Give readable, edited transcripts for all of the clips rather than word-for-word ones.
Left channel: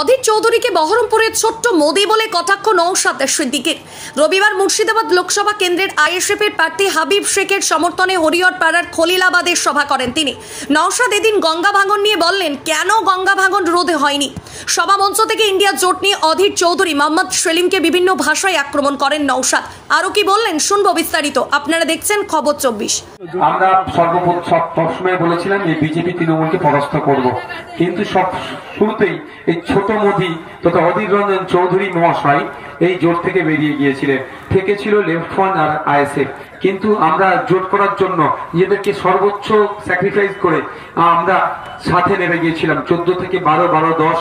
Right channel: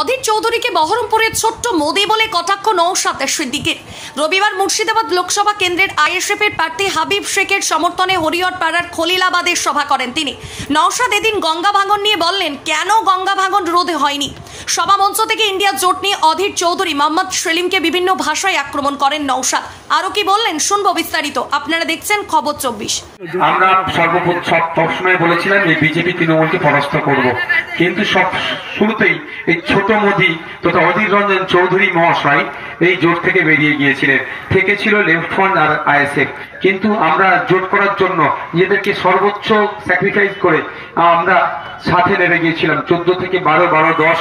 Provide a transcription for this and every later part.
অধীর চৌধুরীকে বহরমপুরের ছোট্ট মোদি বলে কটাক্ষ নওশাদ সিদ্দিকীর। রবিবার মুর্শিদাবাদ লোকসভা কেন্দ্রের আইএসএফের প্রার্থী হাবিব শেখের সমর্থনে হরিহর পাড়ার খলিলাবাদে সভা করেন তিনি। নওশাদ এদিন গঙ্গা ভাঙন নিয়ে বললেন, কেন গঙ্গা ভাঙন রোধ হয়নি। সভা মঞ্চ থেকে ইন্ডিয়া জোট নিয়ে অধীর চৌধুরী মোহাম্মদ সেলিমকে বিভিন্ন ভাষায় আক্রমণ করেন নওশাদ। আরো কি বললেন শুনবো বিস্তারিত। আপনারা দেখছেন খবর 24। আমরা সবসময় বলেছিলাম যে বিজেপি তৃণমূলকে পরাস্ত করব, কিন্তু সব শুরুতেই এই ছোট মোদি তথা অধীর রঞ্জন চৌধুরী মহাশয় এই জোট থেকে বেরিয়ে গিয়েছিলেন। থেকে ছিল লেফট ফ্রন্ট আর আইএসএফ, কিন্তু আমরা জোট করার জন্য নিজেদেরকে সর্বোচ্চ স্যাক্রিফাইস করে আমরা সাথে নেমে গিয়েছিলাম। 14 থেকে 12, 12, 10,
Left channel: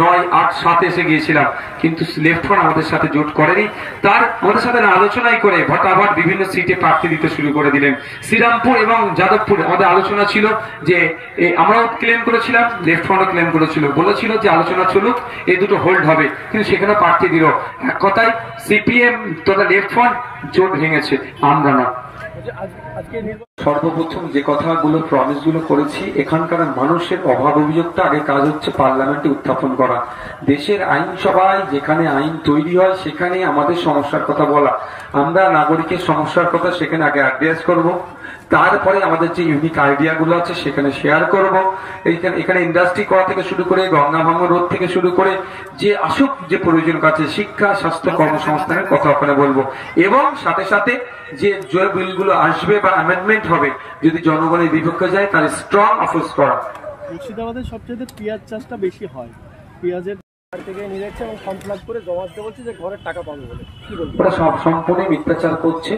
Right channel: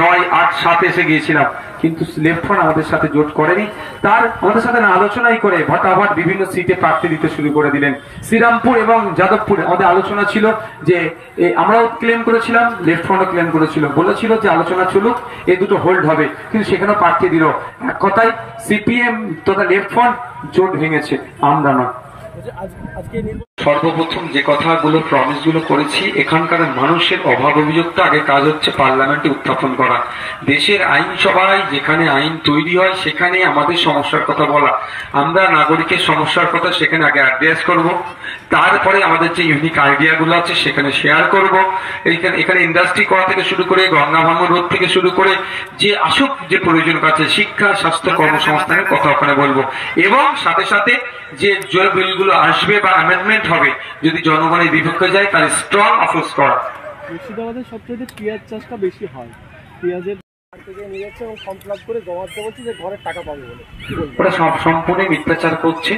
9, 8, 7 এসে গিয়েছিলাম, কিন্তু লেফট ফ্রন্ট আমাদের সাথে জোট করেনি। তার আমাদের সাথে আলোচনাই করে ভটাভট বিভিন্ন সিটে প্রার্থী দিতে শুরু করে দিলেন। শ্রীরামপুর এবং যাদবপুরে আমাদের আলোচনা ছিল যে আমরাও ক্লেম করেছিলাম, লেফট ফ্রন্টও ক্লেম করেছিল, বলেছিল যে আলোচনা চলুক, এই দুটো হোল্ড হবে, কিন্তু সেখানে প্রার্থী দিল। এক কথায় সিপিএম তথা লেফট ফ্রন্ট জোট ভেঙেছে, আমরা না। সর্বপ্রথম যে কথাগুলো প্রমিস গুলো করেছি, এখানকার মানুষের অভাব অভিযোগটা আগে কাজ হচ্ছে পার্লামেন্টে উত্থাপন করা। দেশের আইনসভায় যেখানে আইন তৈরি হয় সেখানে আমাদের সমস্যার কথা বলা, আমরা নাগরিকের সমস্যার কথা সেখানে আগে অ্যাড্রেস করব, তারপরে আমাদের যে ইউনিক আইডিয়া গুলো আছে সেখানে শেয়ার করব। এখানে ইন্ডাস্ট্রি করা থেকে শুরু করে গঙ্গা ভাঙন রোধ থেকে শুরু করে যে আসুক যে প্রয়োজন আছে, শিক্ষা, স্বাস্থ্য, কর্মসংস্থানের কথা ওখানে বলবো। এবং সাথে সাথে যে বিলগুলো আসবে বা অ্যামেন্ডমেন্ট হবে, যদি জনগণের বিপক্ষে যায় তাহলে স্ট্রং অপোজ করা। মুর্শিদাবাদের সবচেয়ে পেঁয়াজ চাষটা বেশি হয়, পেঁয়াজের থেকে নিয়ে যাচ্ছে এবং ফর্ম ফিল আপ করে জমা দিতে বলছে যে ঘরের টাকা পাবে বলে। ওরা সব সম্পূর্ণ মিথ্যাচার করছে।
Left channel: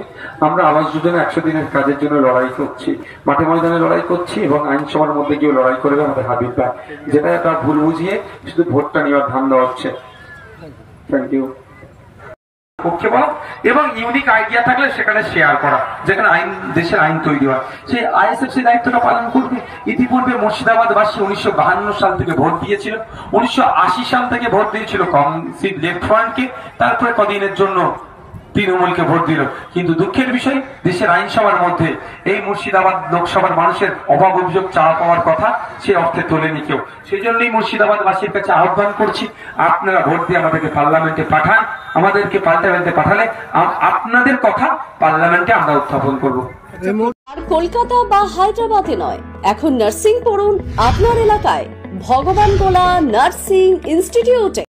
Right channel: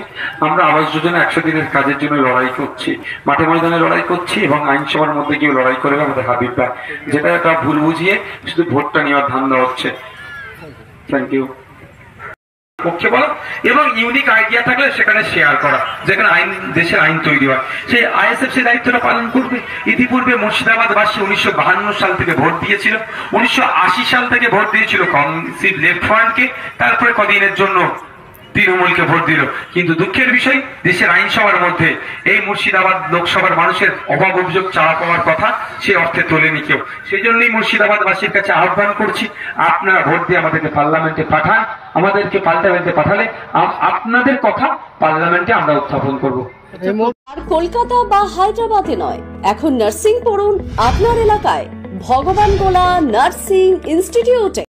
আমরা আবাস যোজনা 100 দিনের কাজের জন্য লড়াই করছি, মাঠে ময়দানে লড়াই করছি, এবং আইনসভার মধ্যে গিয়ে লড়াই করবে আমাদের হাবিবরা, যেটা একটা ভুল বুঝিয়ে শুধু ভোটটা নেওয়ার ধান্দা হচ্ছে। Thank you. পক্ষে বলা এবং ইউনিক আইডিয়া থাকলে সেখানে শেয়ার করা, যেখানে আইন, দেশের আইন তৈরি হয়, সে আইএসএফ সে দায়িত্বটা পালন করবে। ইতিপূর্বে মুর্শিদাবাদবাসী 1952 সাল থেকে ভোট দিয়েছিল, 1980 সাল থেকে ভোট দিয়েছিল কংগ্রেস লেফট ফ্রন্টকে, তারপরে কদিনের জন্য তৃণমূলকে ভোট দিল। কিন্তু দুঃখের বিষয়, দেশের আইনসভার মধ্যে এই মুর্শিদাবাদ লোকসভার মানুষের অভাব অভিযোগ চাওয়া পাওয়ার কথা সে অর্থে তোলেনি কেউ। সেই জন্যই মুর্শিদাবাদবাসীর কাছে আহ্বান করছি, আপনারা ভোট দিয়ে আমাদেরকে পার্লামেন্টে পাঠান। আমাদেরকে পার্লামেন্টে পাঠালে আপনাদের কথা পার্লামেন্টে আমরা উত্থাপন করব। আর কলকাতা বা হায়দ্রাবাদে নয়, এখন নার্সিং পড়ুন আপনার এলাকায় ভগবান গোলা নার্সিং ইনস্টিটিউটে।